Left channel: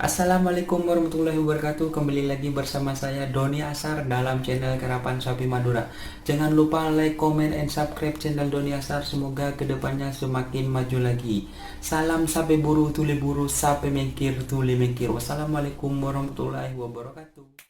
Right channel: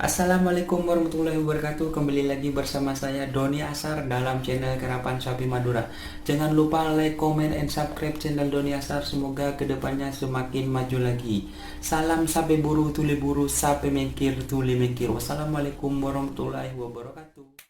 Assalamualaikum warahmatullahi wabarakatuh. Kembali lagi bersama saya Doni Asar dalam channel Karapan Sapi Madura. Jangan lupa like, comment, and subscribe channel Doni Asar. Semoga kedepannya semakin maju lagi. Salam sapi buru tuli buru, sapi mengkir tuli mengkir. Wassalamualaikum warahmatullahi wabarakatuh.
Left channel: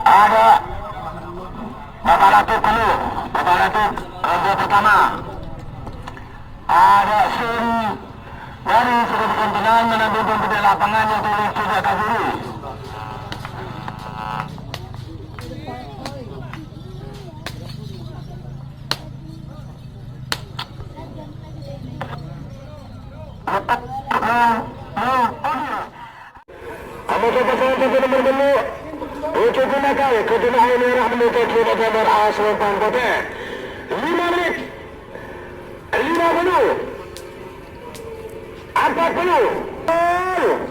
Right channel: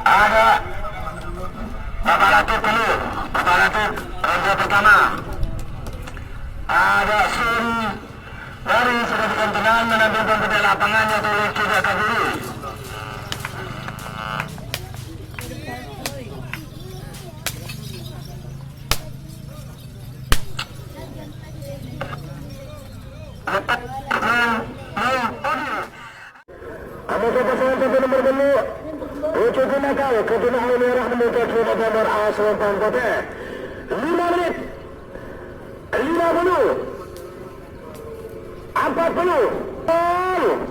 Ada Bapak Latif dulu, Bapak Latif ronde pertama. Ada Sun dari Surat Kentenan menambil pembeda lapangan yaitu Riki Jakaburi. Letak kamu saja sampai nomor 2. Uji gunakan kegunaan merah menuju kiri nomor A Selempang Putih 5 menit 50 40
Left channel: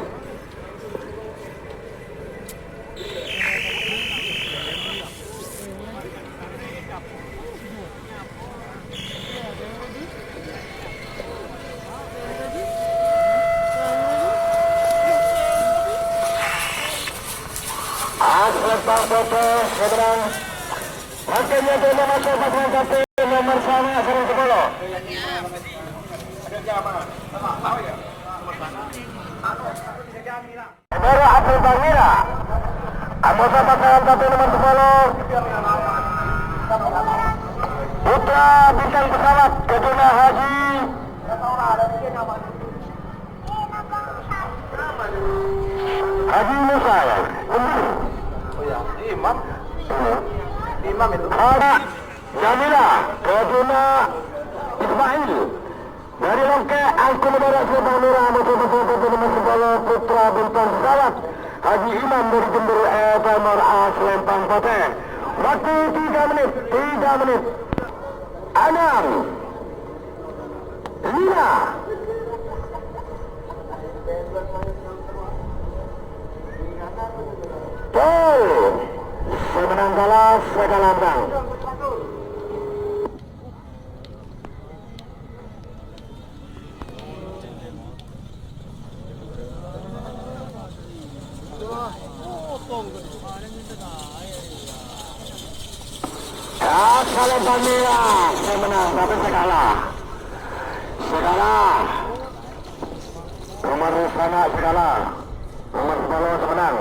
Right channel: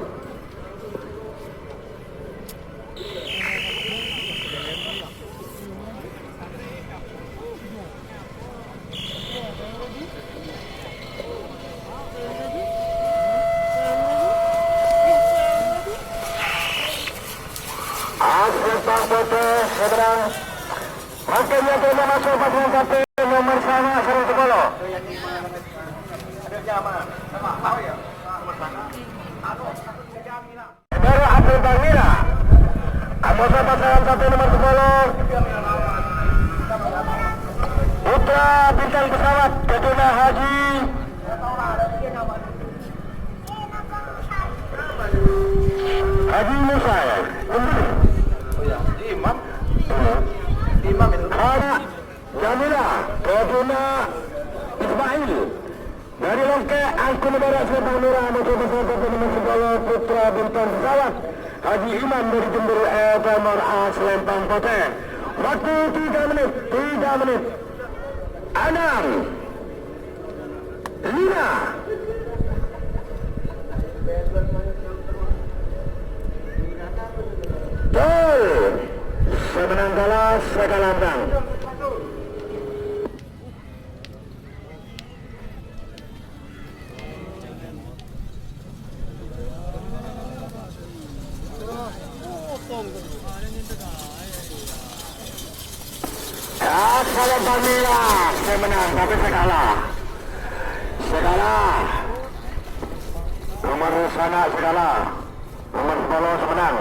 Selempang Putih seberang hasilnya terima masuk pasangan satu nomor sama Serang Sepuluh. Dari Abdul Bangila anggota pasangan satu nomor 10 Putra Bintang Pesawat Keduna Haji Musa ya? Oh ya, Imam itu. Ada Jamila Keduna Ismail dari Longke Angkut Udara Selempang Merah anggota pasangan satu nomor 10 Putra Bintang Pesawat Haji Imam dari Jember nomor A Selempang Putih. Waktu 3 menit 6 5 Gol semenang kalah segalambang. Kalau Bangila saya menang tapi segala nomor sana segala nomor 10 semenang.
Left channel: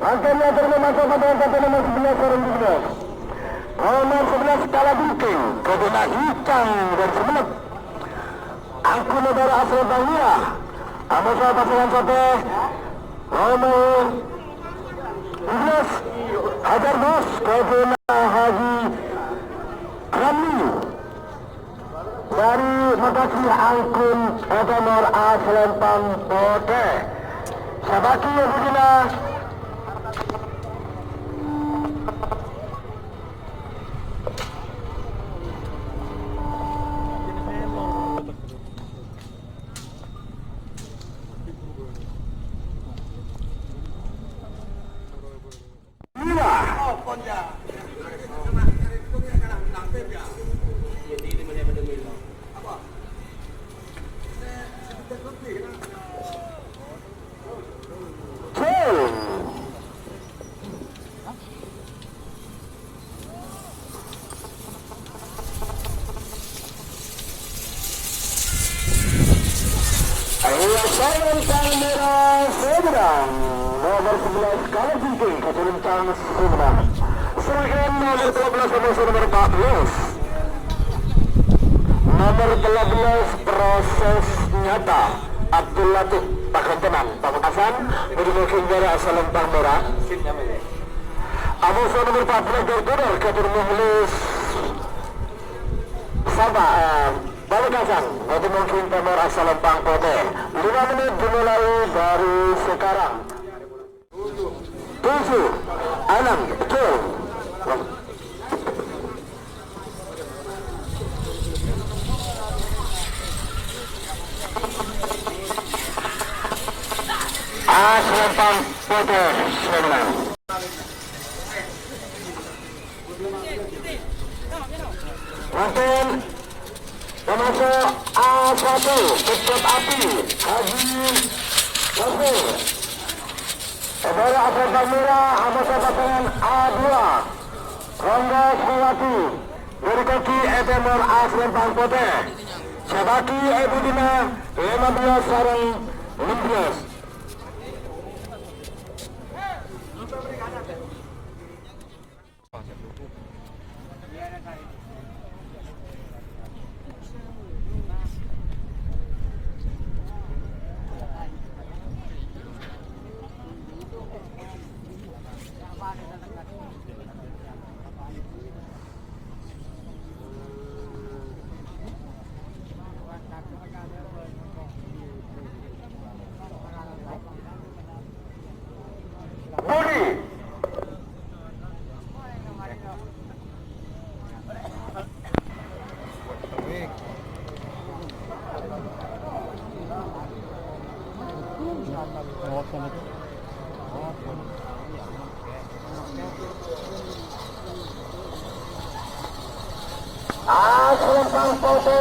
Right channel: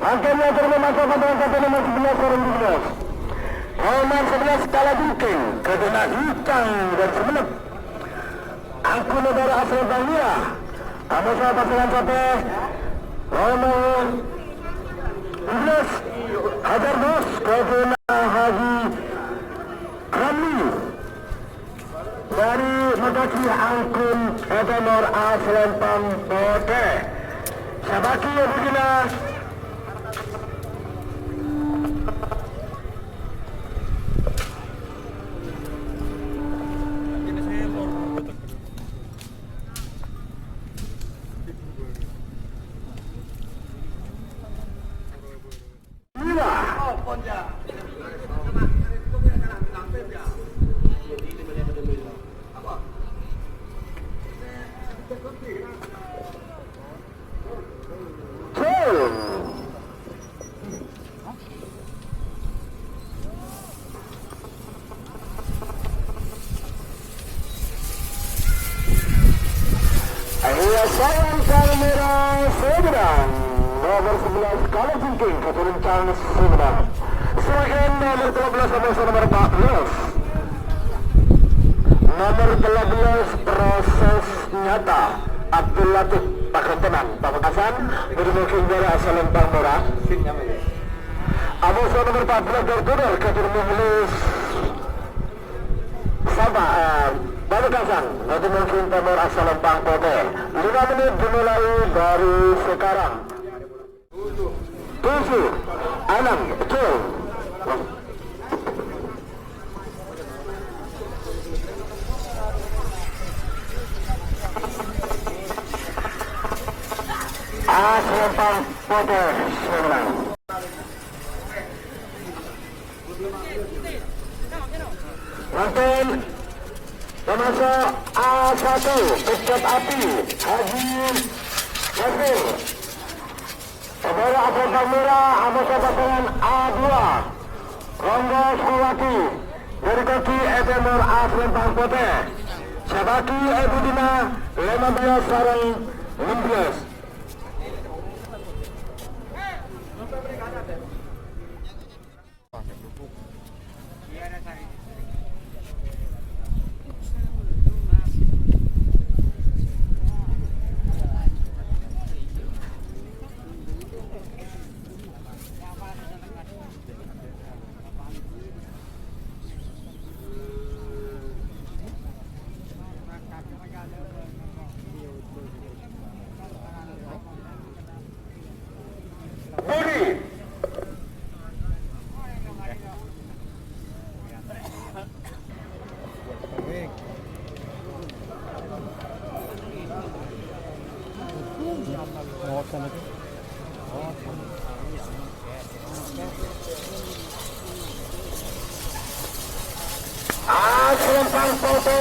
Angkanya terima masuk pasangan satu nomor 11 orang 12. Nomor 11 Kala Bukeng Keduna Hikang dari Semenep. Angkut Udara Asal Bangila anggota pasangan satu nomor 12 Hajar Bos Keduna Haji Rami dari Makasih Angkun nomor A Selempang Putih. Sabaki yang begina Selempang Merah seberang nomor 11 Kala Bukeng Keturuncan Semenang. Seragam nomor 12 sampai nomor 14. Nomor 12 proses nyata Abdul Latif Pakai Tenang Pamekasan Berdiri Jara Selempang Merah. Abu nomor 14 Gerguder Keturuncan Muhlis Sabah Pamekasan nanti mungkin nomor asal Selempang Putih 5 menit dimulai dari sekarang 7 6 betul. Selempang Pote menang. Makin termasuk A1 Kecap Api Haji Nasir. Saudara Selempang Merah anggota pasangan A2 Rongga Sawati dari kaki FMR A Selempang Pote. Sabaki Ebudina 15 sarang 16. Selempang Pote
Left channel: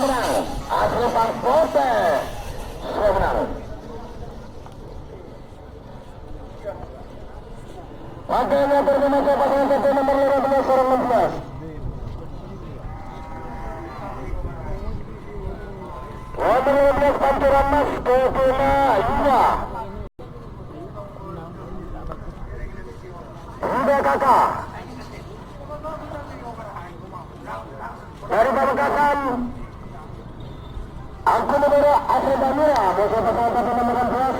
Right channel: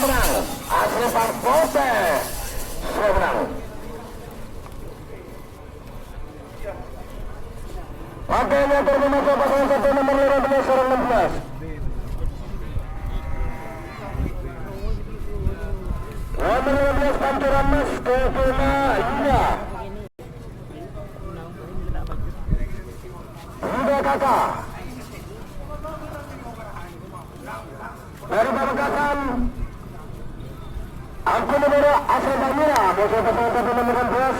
menang. Selempang Pote menang. Wakilnya termasuk pasangan satu nomor 15 sarang 16. Nomor 15 Panturan Mas ke Kena Yuda. Yuda Kakak. Dari Pamekasan aku membawa Asal Bamira musuh pesawat satu nomor 16.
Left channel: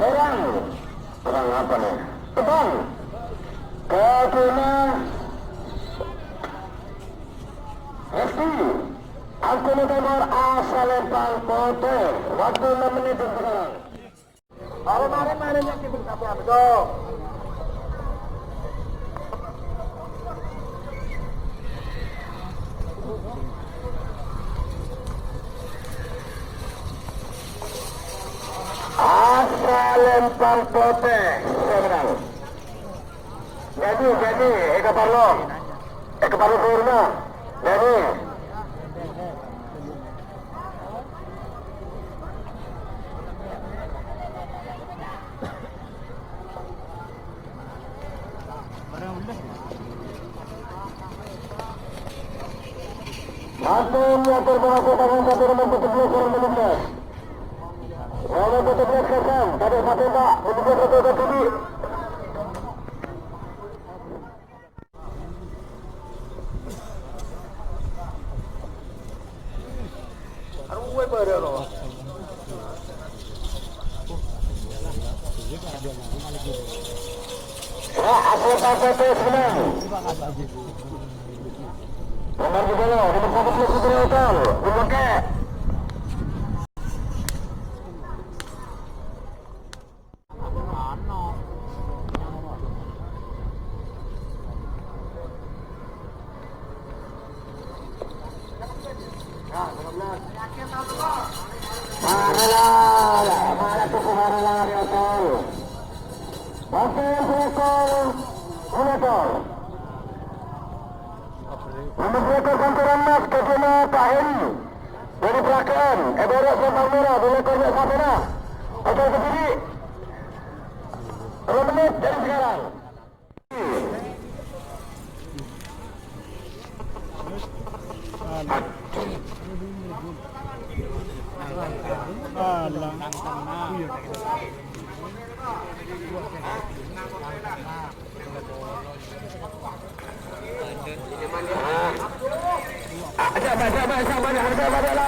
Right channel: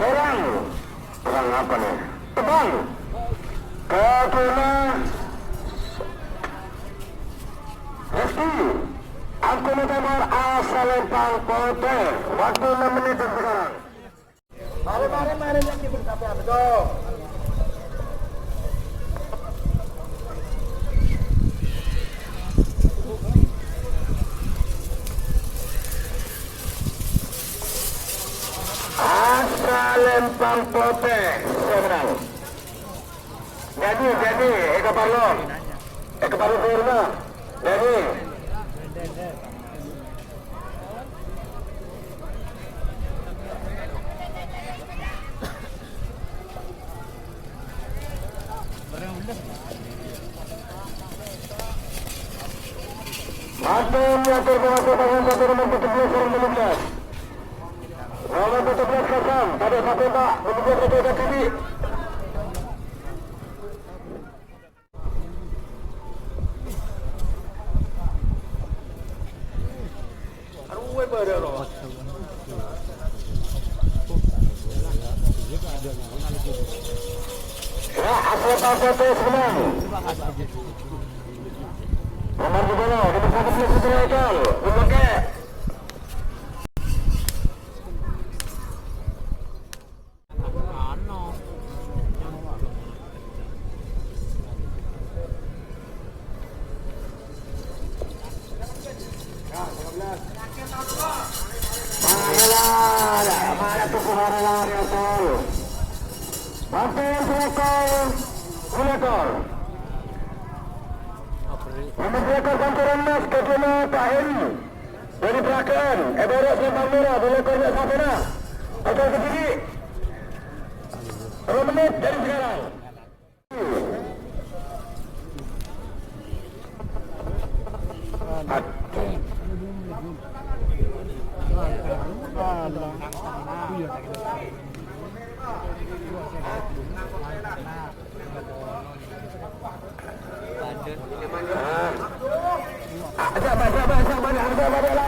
Perang apa nih? Tebang ke Kena Resti. Aku nomor Asal Lempang Pote. Waktu 6 menit sekarang. Mari yang diberitahu betul. Asal Lempang Pote menang. Jadi Eka Parlo Purna. Jadi Makin yang termasuk tangan satu nomor 17 sarang 15. Nomor 17 kosong, tadi satu tak, menuju ke TV. Asal Pote menang. Nomor 12, nomor 11 ekor, dipakai. Mana tu kuhara lari asal. Pakai ekor, kulekor. Nomor 2 Panturan Mas ke Kena Pak Heri dari Perakan. Eborok Selempang Merah boleh korek Sapena. Okey ke kiri. 2 menit dari sekarang. Ada harga